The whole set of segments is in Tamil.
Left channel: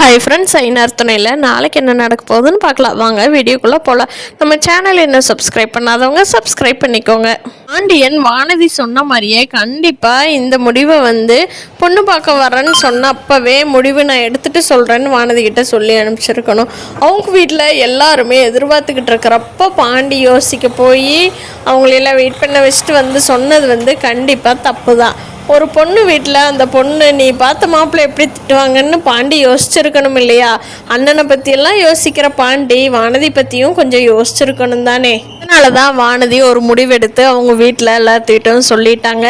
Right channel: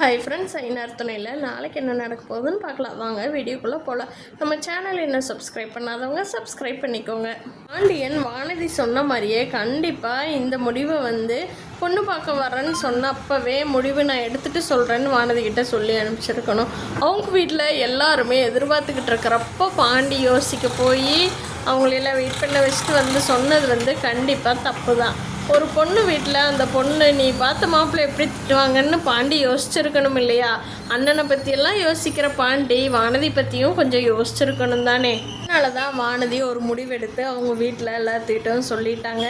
ஹாய் ஃப்ரெண்ட்ஸ், ஐநார் துணையில் நாளைக்கு என்ன நடக்க போகுதுன்னு பார்க்கலாம். வாங்க வீடியோக்குள்ளே போகலாம். நம்ம சேனல் என்ன சப்ஸ்கிரைப் பண்ணாதவங்க சப்ஸ்கிரைப் பண்ணிக்கோங்க. பாண்டியன் வானதி சொன்ன மாதிரியே கண்டிப்பாக இந்த முடிவை பொண்ணு பார்க்க வரேன்னு சொன்ன அப்போவே முடிவு நான் எடுத்துகிட்டு சொல்கிறேன்னு வானதி கிட்ட சொல்லி அனுப்பிச்சிருக்கணும். அவங்க வீட்டில் எல்லாருமே எதிர்பார்த்துக்கிட்டு இருக்கிறப்ப பாண்டி யோசிக்க போய் அவங்களெல்லாம் வெயிட் பண்ண வச்சுட்டு சொன்னது கண்டிப்பாக தப்பு தான். ஒரு பொண்ணு வீட்டில் அந்த பொண்ணு நீ பார்த்த மாப்பிள்ளை எப்படி திட்டுவாங்கன்னு பாண்டி யோசிச்சிருக்கணும் இல்லையா? அண்ணனை பற்றியெல்லாம் யோசிக்கிற பாண்டி வானதி பற்றியும் கொஞ்சம் யோசிச்சிருக்கணும் தானே. அதனால தான் வானதி ஒரு முடிவெடுத்து அவங்க வீட்டில் எல்லாத்துக்கிட்டும் சொல்லிட்டாங்க.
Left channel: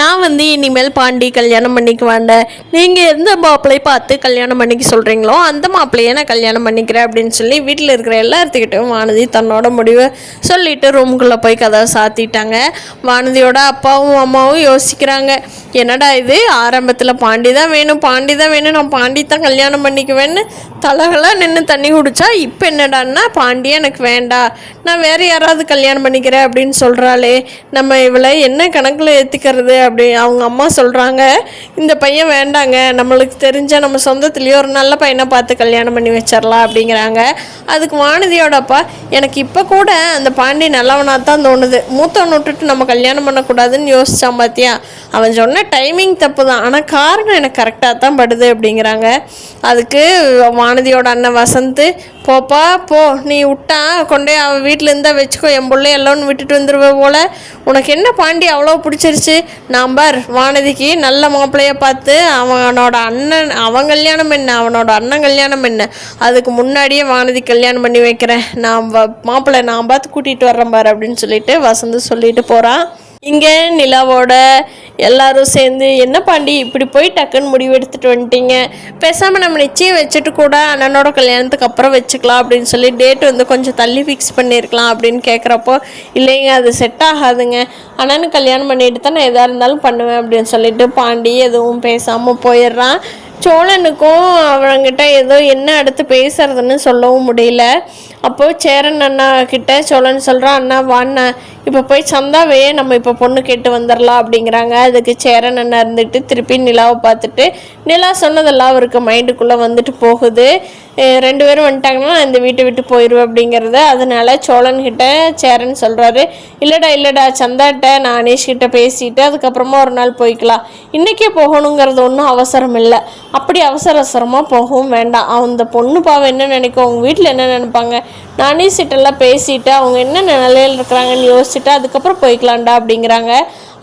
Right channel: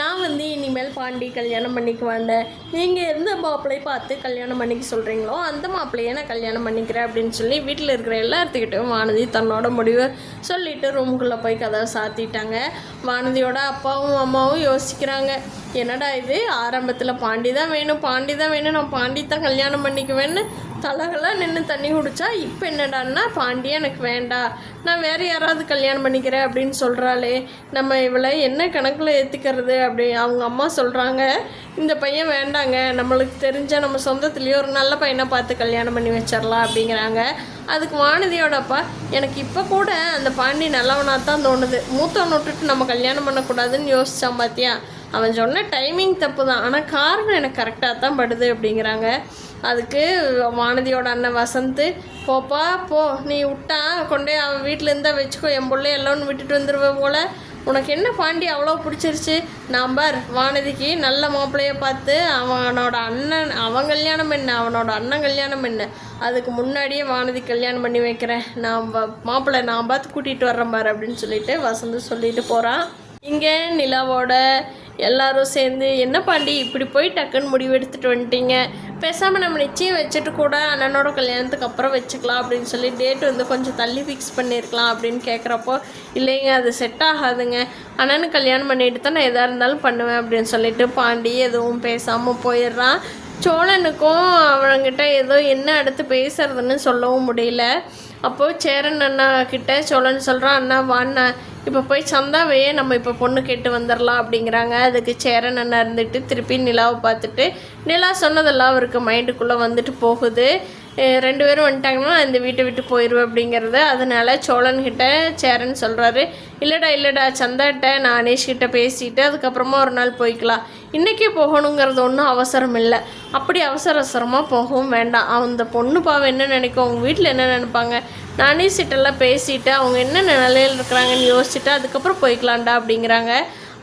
நான் இனிமேல் பாண்டி கல்யாணம் பண்ணிக்க வேண்டேன், நீங்கள் எந்த மாப்பிள்ளையை பார்த்து கல்யாணம் பண்ணிக்க சொல்கிறீங்களோ அந்த மாப்பிள்ளையை நான் கல்யாணம் பண்ணிக்கிறேன் அப்படின்னு சொல்லி வீட்டில் இருக்கிற எல்லாத்துக்கிட்டும் வானதி தன்னோட முடிவை சொல்லிவிட்டு ரூமுக்குள்ளே போய் கதவை சாத்திட்டாங்க. வானதியோட அப்பாவும் அம்மாவும் யோசிக்கிறாங்க, என்னடா இது, ஆரம்பத்தில் பாண்டி தான் வேணும் நான் பாண்டி தான் கல்யாணம் பண்ணிக்குவேன்னு தலகலாக நின்று தண்ணி குடித்தா இப்போ என்னடான்னா பாண்டியே எனக்கு வேண்டாம், நான் வேறு யாராவது கல்யாணம் பண்ணிக்கிறேன் அப்படின்னு சொல்கிறாளே, நம்ம இவளை என்ன கணக்கில் ஏற்றிக்கிறது அப்படி அவங்க அம்மா சொல்கிறாங்க. இந்த பையன் வேண்டாங்க, நம்மளுக்கு தெரிஞ்ச நம்ம சொந்தத்துலேயே ஒரு நல்ல பையனை பார்த்து கல்யாணம் பண்ணி வச்சிடலாம் அப்படிங்கிறாங்க. அதுக்கு வானதியோட அப்பா, எனக்கு இப்போ கூட அந்த பாண்டி நல்லவனாக தான் தோணுது, மூத்தவனை விட்டுட்டு நம்ம கல்யாணம் பண்ணக்கூடாதுன்னு யோசித்தான் பார்த்தியா, அவன் சொன்ன டைமிங் தப்பு தான், ஆனால் காரணம் எனக்கு கரெக்டாக தான் படுது அப்படிங்கிறாங்க. அதுக்கு வானதியோட அண்ணன் வசந்த், போப்பா போ, நீ விட்டா கொண்டே அவன் வீட்டில் இருந்தால் வச்சுக்கோ, என் பிள்ளை எல்லோன்னு விட்டுட்டு வந்துடுவ போல், உனக்கு என்ன பாண்டி அவ்வளோ பிடிச்சிருச்சு, நான் பார் வானதிக்கு நல்ல மாப்பிள்ளையை பார்த்து அவனோட அண்ணன் அவன் கல்யாணம் என்ன அவனோட அண்ணன் கல்யாணம் என்ன அதுக்கு முன்னாடியே வானதி கல்யாணம் பண்ணி வைக்கிறேன், நான் மாப்பிள்ளை நான் பார்த்து கூட்டிகிட்டு வர்றேன் பார் அப்படின்னு சொல்லிட்டு வசந்த் சொல்லிட்டு போகிறான். இங்கே நிலாவோட எல்லாரும் சேர்ந்து, என்ன பாண்டி இப்படி போய் டக்குன்னு முடிவு எடுத்துகிட்டு வந்துட்டீங்க, பேசாமல் நம்ம நிச்சயம் வச்சுட்டு கூட அண்ணனோட கல்யாணத்துக்கு அப்புறம் வச்சுக்கலாம் அப்படின்னு சொல்லி டேட் கொஞ்சம் தள்ளி ஃபிக்ஸ் பண்ணியிருக்கலாம் அப்படின்னு கேட்குறப்போ, இல்லைங்க அது செட் ஆகாதுங்க, அண்ணனுக்கு கல்யாணம் பண்ணிட்டு தான் நான் எதாக இருந்தாலும் பண்ணுவேன் அப்படின்னு சொல்லிட்டு பாண்டி எதுவும் பேசாமல் போயிடுறான். சோழனுக்கும் அவங்கிட்ட ஏதோ என்ன அடுத்து பேசுறதுன்னு சொல்லவும் முடியல. அப்போது சேரன் அண்ணா கிட்ட சோழன் சொல்கிறான், அண்ணா வாண்ணா இப்போ போய் சந்தாவையே நம்ம இப்போ பொண்ணு கேட்டு வந்துடலாம் அப்படிங்கிறாங்க. அதுக்கு சேரன் அண்ணா இருந்துட்டு திருப்பி நிலாவை பார்த்துட்டு, நிலா சொன்னதெல்லாம் அவருக்கு மைண்டுக்குள்ளே போகுது, 2 பேரும் வந்துட்டாங்கன்னா நான் இந்த வீட்டை விட்டு போயிடுவேன் அப்படிங்கிறது. அதனால சோழன்கிட்ட சேரன் சொல்கிறாரு, இல்லைடா சந்தாட்ட நான் அனீஷ்கிட்ட பேசிட்டு அதுக்கப்புறமா ஒரு நாள் போய்க்கலாம், இன்றைக்கே போகணுங்கிறது ஒன்றும் அவசரம் இல்லை, அப்படி அவசரமாக போகவும் வேண்டாம், அந்த பொண்ணு பாவம் என்ன நினைக்கும், அவங்க வீட்டில் என்ன நினைப்பாங்க, நான் அனீஷ்கிட்டெல்லாம் பேசிவிட்டு அவங்க என்ன நிலையில் இருக்கிறாங்கன்னு யோசிச்சுட்டு அதுக்கப்புறம் போய்க்கலாம்டா அப்படிங்கிறாங்க.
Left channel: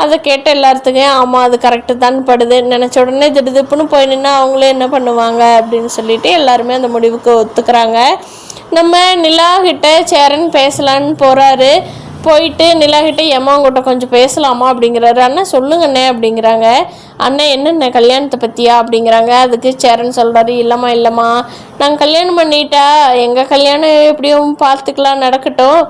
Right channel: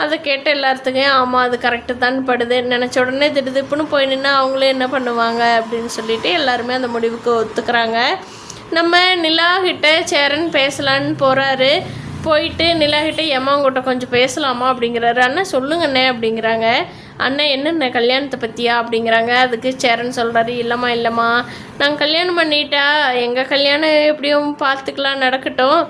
அதை கேட்ட எல்லாத்துக்கும் ஆமாம் அது கரெக்டு தான் படுது, நினச்ச உடனே திடுதிப்புன்னு போய் நின்னா அவங்களே என்ன பண்ணுவாங்க அப்படின்னு சொல்லிட்டு எல்லாருமே அந்த முடிவுக்கு ஒத்துக்கிறாங்க. நம்ம நிலாகிட்ட சேரன் பேசலான்னு போகிறாரு. போயிட்டு நிலாகிட்ட எம்மாங்கிட்ட கொஞ்சம் பேசலாமா அப்படிங்கிறாரு. அண்ணன் சொல்லுங்கண்ணே அப்படிங்கிறாங்க. அண்ணன் என்னென்ன கல்யாணத்தை பற்றியா அப்படிங்கிறாங்க. அதுக்கு சேரன் சொல்கிறாரு, இல்லைம்மா நாங்கள் கல்யாணம் பண்ணிட்டா எங்கள் கல்யாணம் எப்படியும் பார்த்துக்கலாம், நடக்கட்டும்,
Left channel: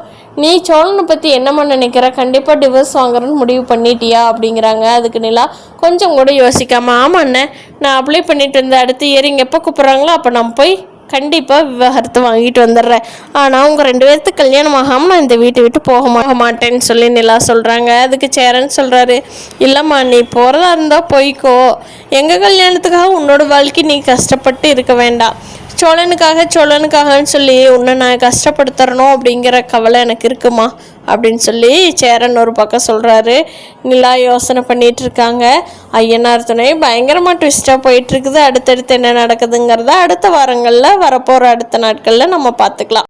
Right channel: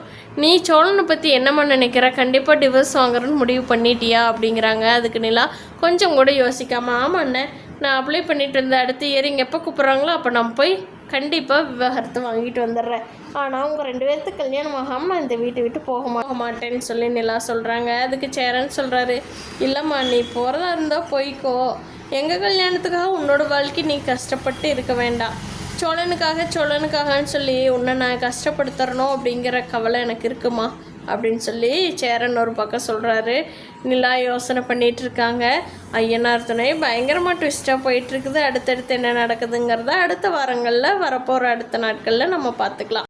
நீ சோழனை பற்றி என்னம்மா நினைக்கிற, கண்டிப்பாக டிவோர்ஸ் வாங்குறேன்னு முடிவு பண்ணிட்டியா அப்படிங்கிறாங்க. அதுக்கு நிலா கொஞ்சம் கூட யோசிக்காமல், ஆமாம் அண்ணன் நான் அப்ளை பண்ணிட்டு இருந்தேன், அடுத்த இயர் இங்கே எப்போ கூப்பிட்றாங்களோ அப்போ நான் போய் கண்டிப்பாக விவாகரத்து வாங்கிட்டு வந்துடுறேன், ஆனால் உங்கள் 2 பேர்த்துக்கு கல்யாணம் ஆகாமல் நான் இந்த வீட்டை விட்டு போக மாட்டேன்னு சொல்லி நிலா சொல்கிறாங்க. அதுக்கு சேரன் சொல்கிறாரு, இல்லைம்மா நீ போகிறதா இருந்தால் போய்க்கோ, எங்கள் கல்யாணத்துக்காக உன்னோட வாழ்க்கை நீ கஷ்டப்பட்டு இருக்க வேண்டாம், சோழனுக்காகன்னு சொல்லி உன்னை நான் கஷ்டப்படுத்துறணும் அப்படிங்கிற கவலை எனக்கு இருக்குமா அப்படின்னு சொல்லி சேரன் ஒரு பக்கம் சொல்கிறாரு. நிலா யோசனை பண்ணிகிட்டு இருக்காங்க. ஐயனார் துணை பயங்கரமாக ட்விஸ்ட்டாக போயிட்டுருக்குது. அடுத்தடுத்து என்ன நடக்குதுங்கிறத அடுத்த வாரங்களில் வரப்போகிற அடுத்த நாட்களில் நம்ம பார்த்துக்கலாம்.